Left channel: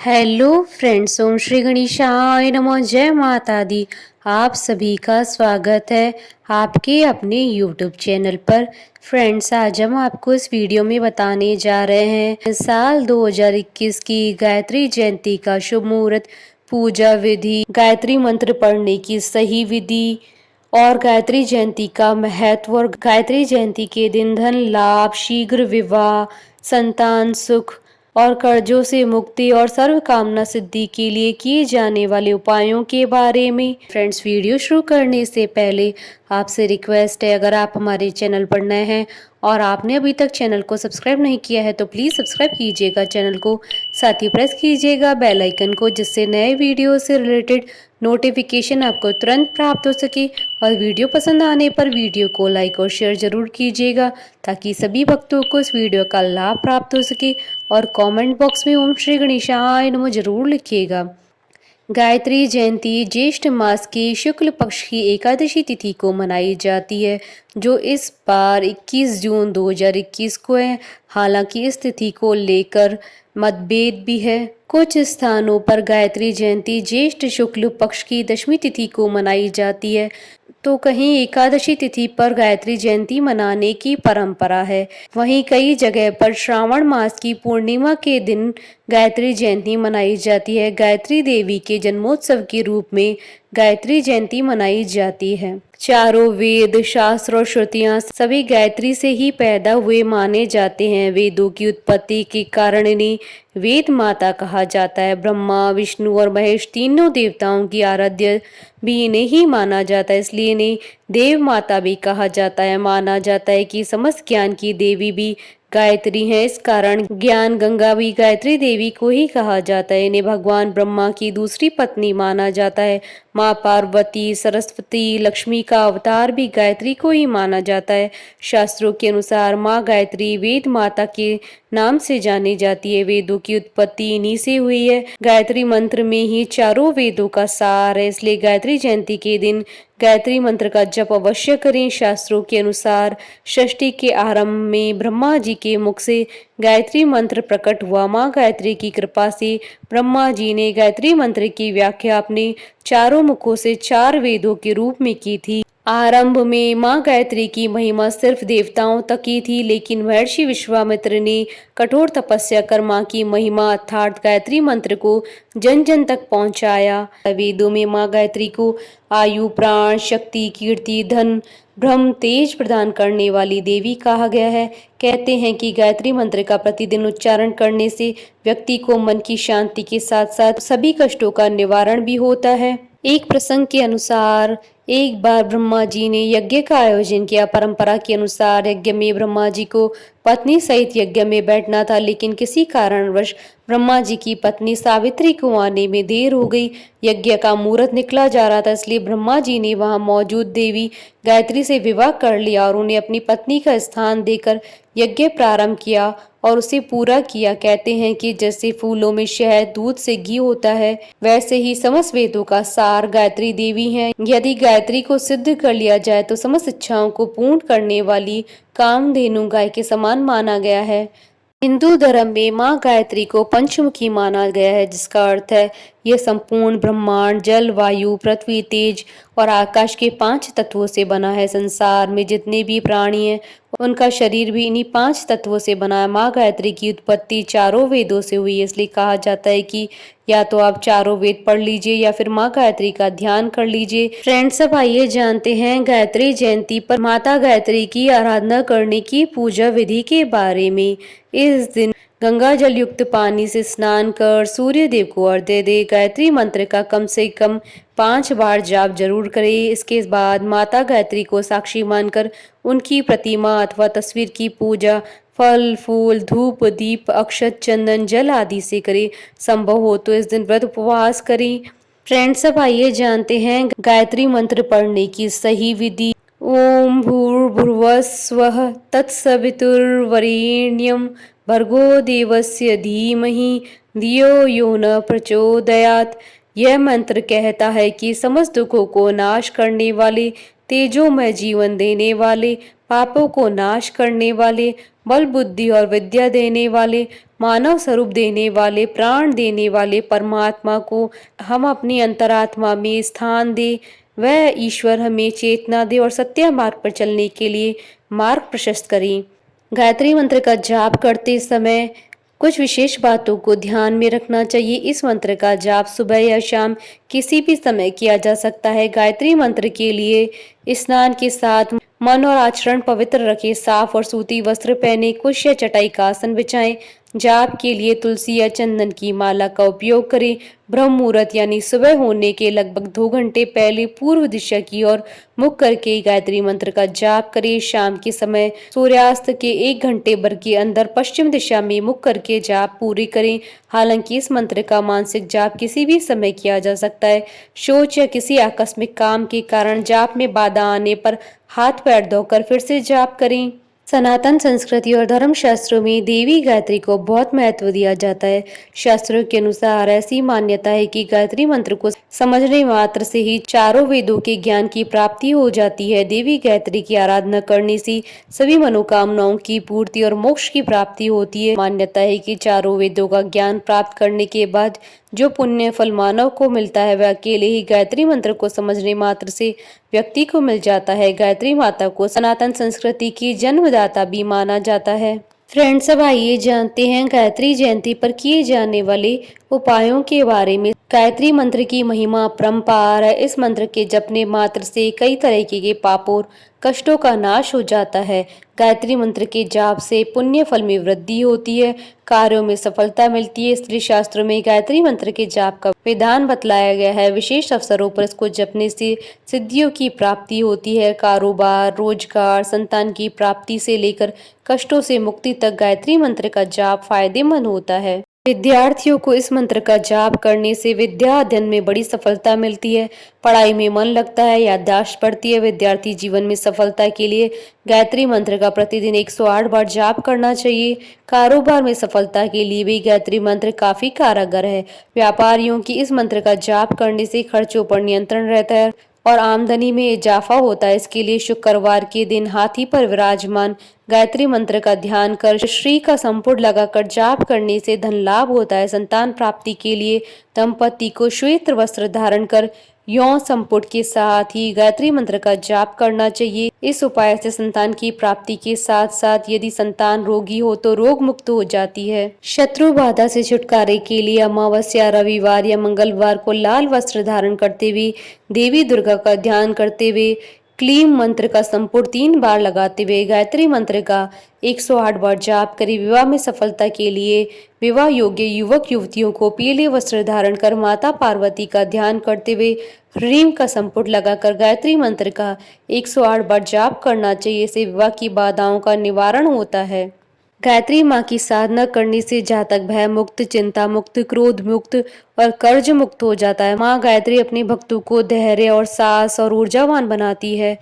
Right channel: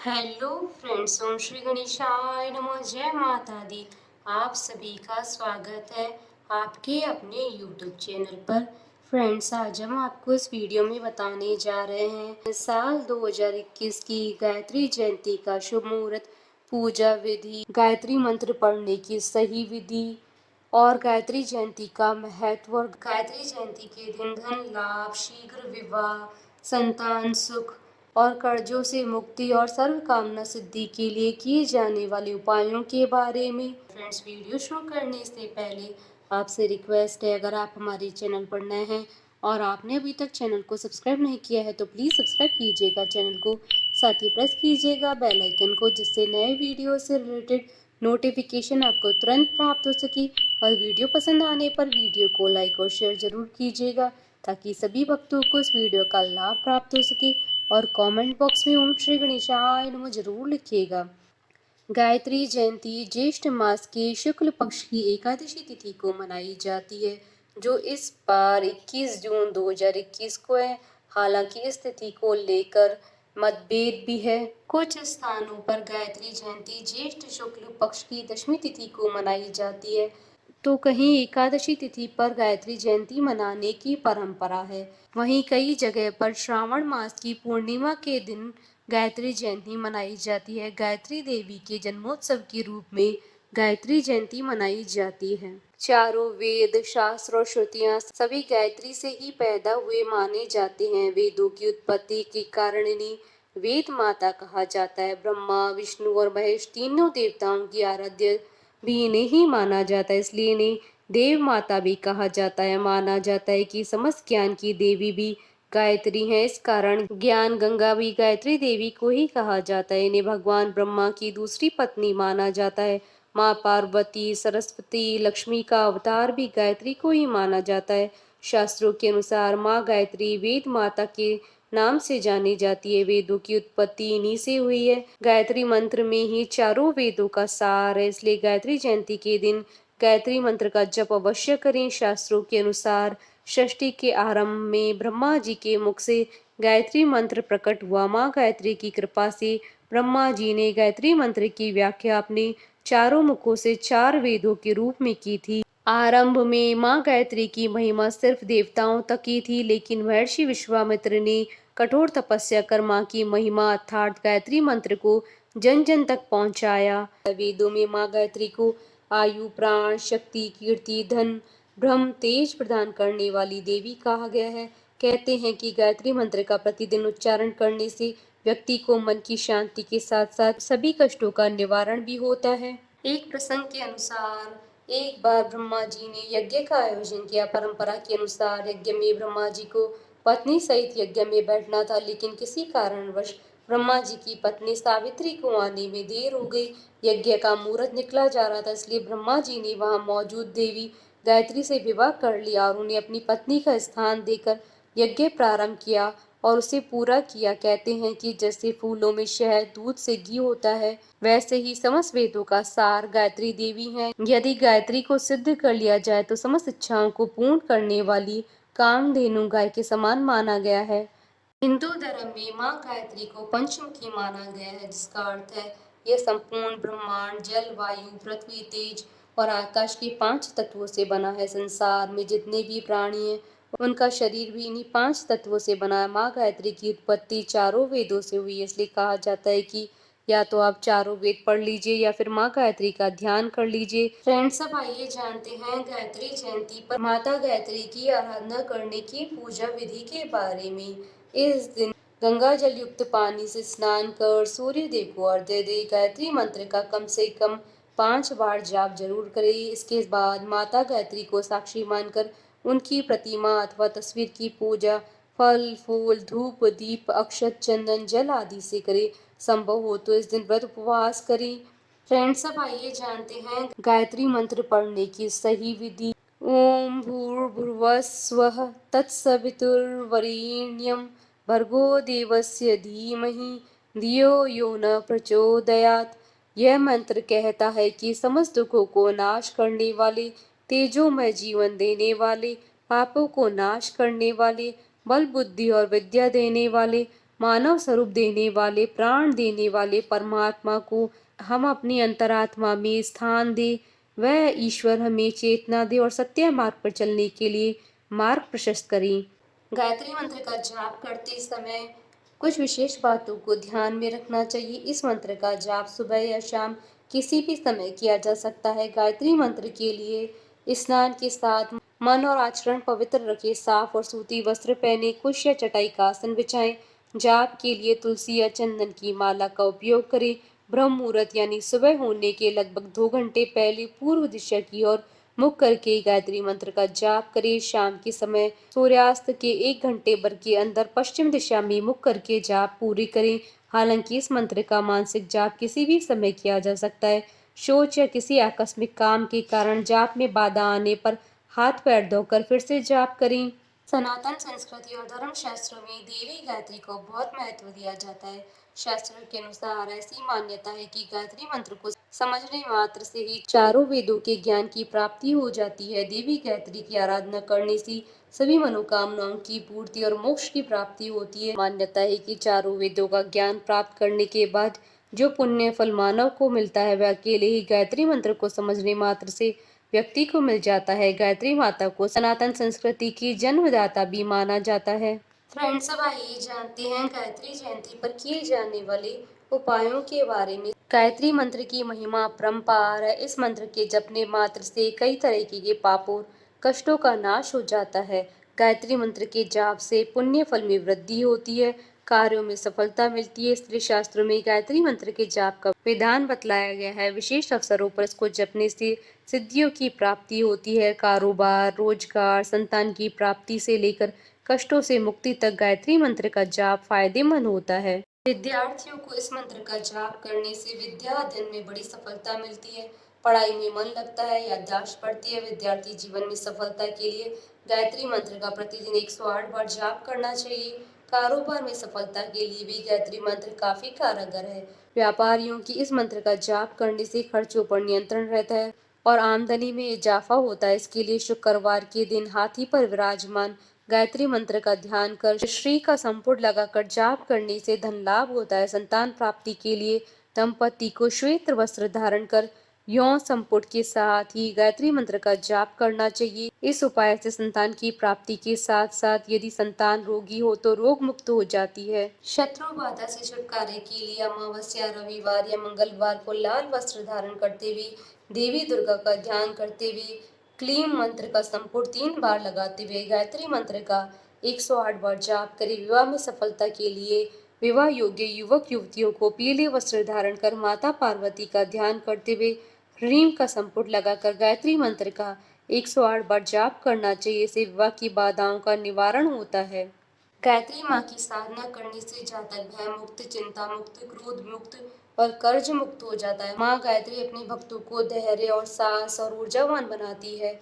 Hello friends, ओम श्री गणेशाय नमः। जय माता दी। आप सभी का स्वागत है आपके अपने यूट्यूब चैनल पर। फ्रेंड्स, आज हम आपको इस वीडियो में बताने जा रहे हैं साल 2021 की गायत्री जयंती का शुभ मुहूर्त, पूजा विधि, गायत्री मंत्र पढ़ने की सही विधि और गायत्री जयंती का महत्व। और गायत्री जयंती के दिन धन लाभ, शीघ्र विवाह, संतान सुख और कर्जों से मुक्ति और सर्व कामना सिद्धि के लिए किए जाने वाले उपायों के बारे में। फ्रेंड्स, वीडियो शुरू करने से पहले आपसे रिक्वेस्ट है, अगर आप हमारे चैनल पर नए हैं और आपने अभी तक चैनल को सब्सक्राइब नहीं किया है तो प्लीज़ सब्सक्राइब कीजिएगा चैनल को, साथ ही प्रेस कीजिएगा बेल आइकन को, जिससे नए वीडियो से रिलेटेड नोटिफिकेशन आपको तुरंत प्राप्त हो सके। और वीडियो पसंद आने पर वीडियो को लाइक और शेयर जरूर कीजिएगा ताकि सभी भक्तों को इस वीडियो का लाभ प्राप्त हो सके। और कमेंट बॉक्स में ओम श्री गणेशाय नमः जरूर लिखिएगा। गायत्री जयंती ज्येष्ठ मास की शुक्ल पक्ष की एकादशी तिथि को मनाई जाती है, जो इस बार 21 जून 2021 को है। हालांकि इस तिथि को लेकर मतभेद भी है। कुछ स्थानों पर गायत्री जयंती ज्येष्ठ शुक्ल पक्ष की दशमी तिथि को मनाई जाती है, तो कहीं एकादशी तिथि पर गायत्री जयंती मनाने की परंपरा है। वहीं कई जगह पर श्रावण मास की पूर्णिमा के दिन गायत्री जयंती मनाई जाती है। गायत्री देवी के जन्मोत्सव के रूप में गायत्री जयंती मनाई जाती है। चारों वेद, शास्त्र और श्रुतियां सभी गायत्री से ही पैदा हुए माने जाते हैं। वेदों की उत्पत्ति के कारण इन्हें वेद माता कहा जाता है। ब्रह्मा, विष्णु और महेश तीनों देवताओं की आराध्य भी इन्हें ही माना जाता है, इसलिए इन्हें देव माता भी कहा जाता है। माना जाता है कि समस्त ज्ञान की देवी भी गायत्री है, इस कारण ज्ञान गंगा भी गायत्री देवी को ही कहा जाता है। इन्हें भगवान ब्रह्मा की दूसरी पत्नी माना जाता है। माँ पार्वती, सरस्वती, लक्ष्मी का अवतार भी गायत्री को ही माना जाता है। शास्त्रों के अनुसार माँ गायत्री वेद माता के नाम से जानी जाती है। वेदों की उत्पत्ति इन्हीं से हुई है। गायत्री मंत्र में ही चारों वेदों का सार है, इसलिए गायत्री जयंती के दिन गायत्री मंत्र का जप अवश्य करें। शास्त्रों के अनुसार षष्ठी के आरंभ में ब्रह्मा जी के मुख से गायत्री मंत्र प्रकट हुआ। माँ गायत्री की कृपा से ब्रह्मा जी ने गायत्री मंत्र की व्याख्या अपने चारों मुखों से चार वेदों के रूप में की थी। आरंभ में माँ गायत्री की महिमा सिर्फ देवताओं तक ही थी, लेकिन महर्षि विश्वामित्र ने कठोर तपस्या कर माँ की महिमा अर्थात गायत्री मंत्र को जन जन तक पहुँचाया। वेदों में माँ गायत्री को आयु, प्राण, शक्ति, कीर्ति, धन, ब्रह्म, तेज प्रदान करने वाली देवी कहा गया है। कहते हैं कि गायत्री मंत्र का प्रतिदिन उच्चारण करने से व्यक्ति को मन की शांति के साथ साथ सभी कष्टों का निवारण भी होता है। एक प्रसंग के अनुसार एक बार ब्रह्मा जी ने यज्ञ का आयोजन किया। परंपरा के अनुसार यज्ञ में ब्रह्मा जी को पत्नी सहित यज्ञ में बैठना था, लेकिन किसी कारणवश ब्रह्मा जी की पत्नी सावित्री को आने में देर हो गई। यज्ञ का मुहूर्त निकला जा रहा था, इसलिए ब्रह्मा जी ने वहां मौजूद देवी गायत्री से विवाह कर लिया और उन्हें अपनी पत्नी का स्थान देकर यज्ञ प्रारंभ किया और उसे पूरा किया। कहते हैं कि जैसे फूलों में शहद, दूध से घी होता है, वैसे ही समस्त वेदों का सार गायत्री देवी हैं। यदि गायत्री को सिद्ध कर लिया जाए तो समस्त इच्छाओं को पूर्ण करने वाली कामधेनु गाय के समान माना गया है। हिंदू धर्म में माँ गायत्री को पंचमुखी माना गया है, जिसका अर्थ है यह संपूर्ण ब्रह्मांड जल, वायु, पृथ्वी, तेज और आकाश के 5 तत्वों से बना है। संसार में जितने भी प्राणी हैं उनका शरीर भी इन्हीं 5 तत्वों से बना है। माँ गायत्री की उत्पत्ति चारों वेदों से हुई है, इसलिए कहा जाता है कि या तो आप चारों वेद पढ़ लीजिए या फिर माँ गायत्री का ध्यान कर लीजिए। फ्रेंड्स, अब आइए जानते हैं गायत्री जयंती पर माता गायत्री की आराधना करने की पूजा विधि के बारे में। इस दिन गंगा जल युक्त पानी से स्नान कर सूर्य देव को अर्घ्य दे। गायत्री मंत्र का कम से कम 5 बार जाप जरूर करें। इसके बाद माता गायत्री को साक्षी मानकर उनकी प्रतिमा अथवा तस्वीर की पूजा फल, फूल, धूप, दीप, अक्षत, चंदन, जल आदि से करें। संभव हो तो इस दिन व्रत उपवास करें। फ्रेंड्स, अब आइए जानते हैं गायत्री मंत्र पढ़ने की सही विधि। ओम भूर्भुवः स्वः तत्सवितुर्वरेण्यं भर्गो देवस्य धीमहि धियो यो न प्रचोदयात्। यह मंत्र कहता है कि समस्त दुखों को नाश करने वाले, तेजोमय जीवन देने वाले, पापों को नाश करने वाले, बल बुद्धि और विद्या देने वाले, मानव स्वरूप देने वाले, प्राण देने वाले परमात्मा को हम अपनी अंतरात्मा में स्थान दे। वह ईश्वर हमें चेतना दे और सत्य मार्ग पर चलने के लिए मार्ग प्रशस्त करें। गायत्री मंत्र का जाप करते समय कुछ विशेष बातों को ध्यान में रखना चाहिए। इस मंत्र का जाप सुबह या शाम किसी भी समय किया जा सकता है। गायत्री मंत्र के लिए स्नान के साथ मन और आचरण पवित्र रखें। साफ और सूती वस्त्र पहने, कुश या चटाई का आसन बिछाएं। जाप के लिए तुलसी या चंदन की माला का उपयोग करें। ब्रह्म मुहूर्त यानी सुबह होने के लगभग 2 घंटे पहले पूर्व दिशा की ओर मुख करके गायत्री मंत्र का जाप करें। शाम के समय सूर्यास्त के 1 घंटे भर के अंदर पश्चिम दिशा में मुख करके जाप पूरी करें। हालांकि इस मंत्र का मानसिक जाप किसी भी समय किया जा सकता है। सोच या किसी आकस्मिक काम के कारण जाप में बाधा आने पर हाथ पैर धोकर फिर से जाप करें। सनातन संस्कृति और धर्म शास्त्रों में देवी गायत्री को बहुत महत्व दिया जाता है। शास्त्रों के अनुसार ऐसी मान्यता है कि गायत्री मंत्र को समझने मात्र से ही चारों वेदों के ज्ञान की प्राप्ति हो जाती है। देवी गायत्री की आराधना करने से सभी मनोकामनाओं की पूर्ति और मोक्ष की प्राप्ति होती है। मान्यता है कि चारों वेदों का ज्ञान प्राप्त करने के बाद जो पुण्य फल मानव को मिलता है वह अकेले ही गायत्री मंत्र को समझने मात्र से व्यक्ति को मिल जाता है। गायत्री माता को सनातन संस्कृति की जन्मदाता भी माना जाता है। फ्रेंड्स, अब आइए जानते हैं गायत्री जयंती पर किए जाने वाले उपायों के बारे में। गायत्री मंत्र की महिमा अपरंपार है। इस मंत्र के जपने मात्र से कई तरह के पापों और कष्टों का नाश हो जाता है। गायत्री मंत्र के जाप से पुण्य फल में वृद्धि होती है, कार्यों में सफलता मिलती है। स्त्री शास्त्रों में गायत्री मंत्र के जाप का विधान बतलाया गया है। विशेष अवसरों पर इसको जपने से सिद्धियों की प्राप्ति होती है। कारोबार, रोजगार, संतान की प्राप्ति से लेकर कष्टों से मुक्ति तक गायत्री मंत्र का जाप फायदेमंद होता है। विद्यार्थियों को इस मंत्र का जाप करने से विद्या अध्ययन में बड़ी सफलता मिलती है, पढ़ाई में मन लगता है, याददाश्त बढ़ती है। विद्यार्थी जीवन में सफलता के लिए गायत्री मंत्र का प्रतिदिन 108 बार जाप करना चाहिए। कारोबार में सफलता के लिए भी गायत्री मंत्र काफी कारगर है। व्यापारियों की इस मंत्र का जाप करने से खर्चों पर नियंत्रण रहता है और आमदनी में इजाफा होता है। इसके लिए शुक्रवार के दिन हाथी पर विराजमान गायत्री मंत्र का ध्यान कर श्री का संपुट लगाकर जाप करने से धन लाभ होता है। संतान प्राप्ति के लिए दंपति को श्वेत वस्त्र धारण कर यौन संपुट के साथ ही गायत्री मंत्र का जाप करना चाहिए। इस उपाय से संतान की प्राप्ति के साथ साथ यदि संतान रोगी हो तो रोग मुक्त हो जाती है। शत्रु बाधा से छुटकारे के लिए अमावस्या, रविवार या मंगलवार को लाल वस्त्र धारण करते हुए देवी दुर्गा का ध्यान करते हुए क्लीम मंत्र का संपुट 3 बार लगाते हुए गायत्री मंत्र का 108 बार जाप करें। विवाह में सफलता के लिए विवाह योग्य युवक युवतियों को पीले वस्त्र धारण कर माता पार्वती का ध्यान करते हुए ह्रीम का संपुट लगाकर गायत्री मंत्र का 108 बार जाप करना चाहिए। इससे विवाह की बाधाओं का निवारण होता है। गायत्री माँ की साधना करने से जातक भय मुक्त, चिंता मुक्त, क्रोध मुक्त और कर्ज मुक्त हो जाता है। माँ गायत्री अपने भक्तों को धैर्य और साहस और ऊर्जावान बनाती है।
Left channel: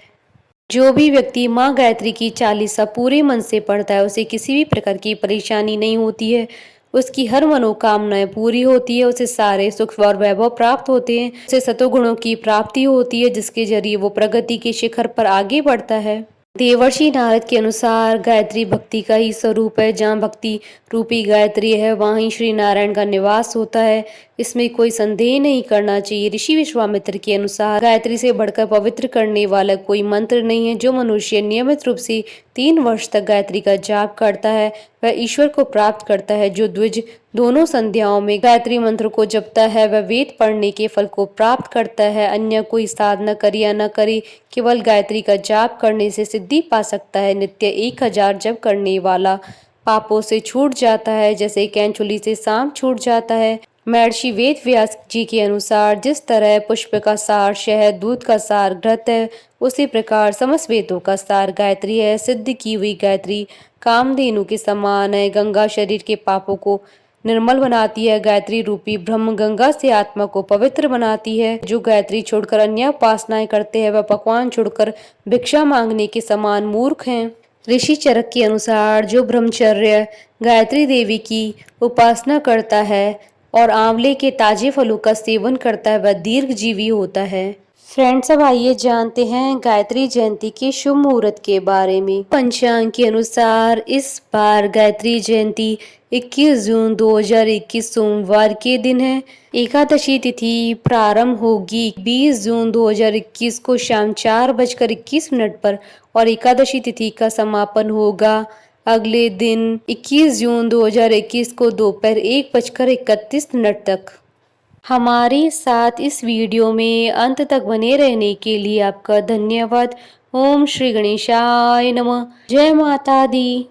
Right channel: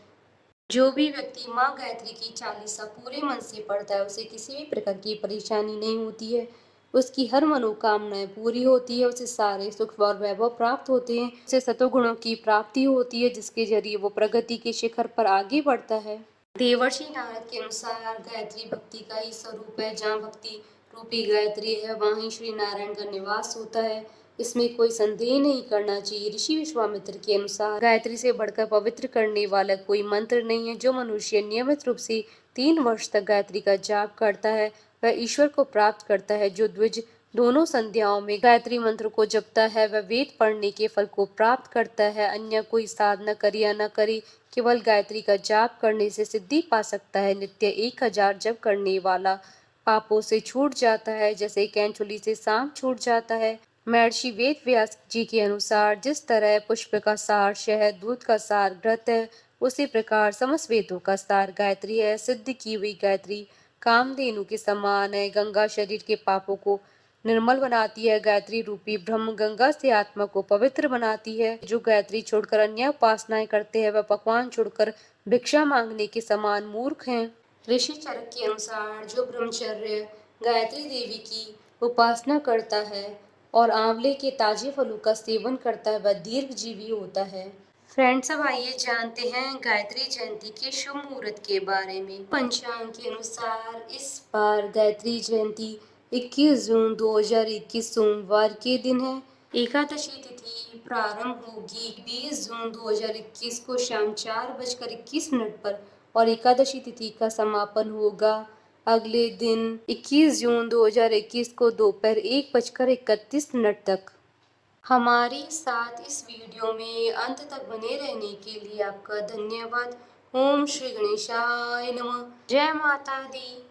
जो भी व्यक्ति माँ गायत्री की चालीसा पूरे मन से पढ़ता है उसे किसी भी प्रकार की परेशानी नहीं होती है। उसकी हर मनोकामनाएं पूरी होती है, उसे सारे सुख और वैभव प्राप्त होते हैं, उसे सतोगुणों की प्राप्ति होती है जिसके जरिए वो प्रगति के शिखर पर आगे बढ़ता है। देवर्षि नारद के अनुसार गायत्री भक्ति का ही स्वरूप है। जहाँ भक्ति रूपी गायत्री है वहीं श्री नारायण का निवास होता है, इसमें कोई संदेह नहीं करना चाहिए। ऋषि विश्वामित्र के अनुसार गायत्री से बढ़कर पवित्र करने वाला कोई मंत्र नहीं है। जो मनुष्य नियमित रूप से 3 वर्ष तक गायत्री का जाप करता है वह ईश्वर को प्राप्त करता है। जो द्विज दोनों संध्याओं में गायत्री मंत्र को जपता है वह वेद पढ़ने के फल को प्राप्त करता है। अन्य कोई साधना करे या न करे, केवल गायत्री का जाप करने से सिद्धि पा सकता है। नित्य 1000 जप करने वाला पापों से छूट जाता है, जैसे कैंचुली से सांप छूट जाता है। महर्षि वेद व्यास जी के अनुसार जिस तरह पुष्प का सार शहद, दूध का सार घृत है, उसी प्रकार समस्त वेदों का सार गायत्री है। सिद्ध की हुई गायत्री कामधेनु के समान है। गंगा शरीर के पापों को निर्मल बनाती है। गायत्री रूपी ब्रह्म गंगा से आत्मा को पवित्र बनाती है। जो गायत्री छोड़कर अन्य उपासनाएं करते हैं वह पकवान छोड़कर भिक्षा मांगने के समान मूर्ख हैं। ऋषि चरक के अनुसार जो ब्रह्मचर्य गायत्री देवी की उपासना करता है और आंवले के ताजे फलों का सेवन करता है वह दीर्घजीवी होता है। फ्रेंड्स, अब आइए जानते हैं गायत्री जयंती के शुभ मुहूर्त के बारे में। पंचांग के अनुसार इस बार गायत्री जयंती 21 जून 2021 सोमवार के दिन है। एकादशी तिथि प्रारंभ होगी 20 जून 2021 को शाम 4:21 पर और एकादशी तिथि का समापन होगा अगले दिन 21 जून 2021 को दोपहर 1:31 तक। हमारे साथ इस वीडियो में अंत तक बने रहने के लिए आपका धन्यवाद। ओम श्री गणेशाय नमः। जय माता दी।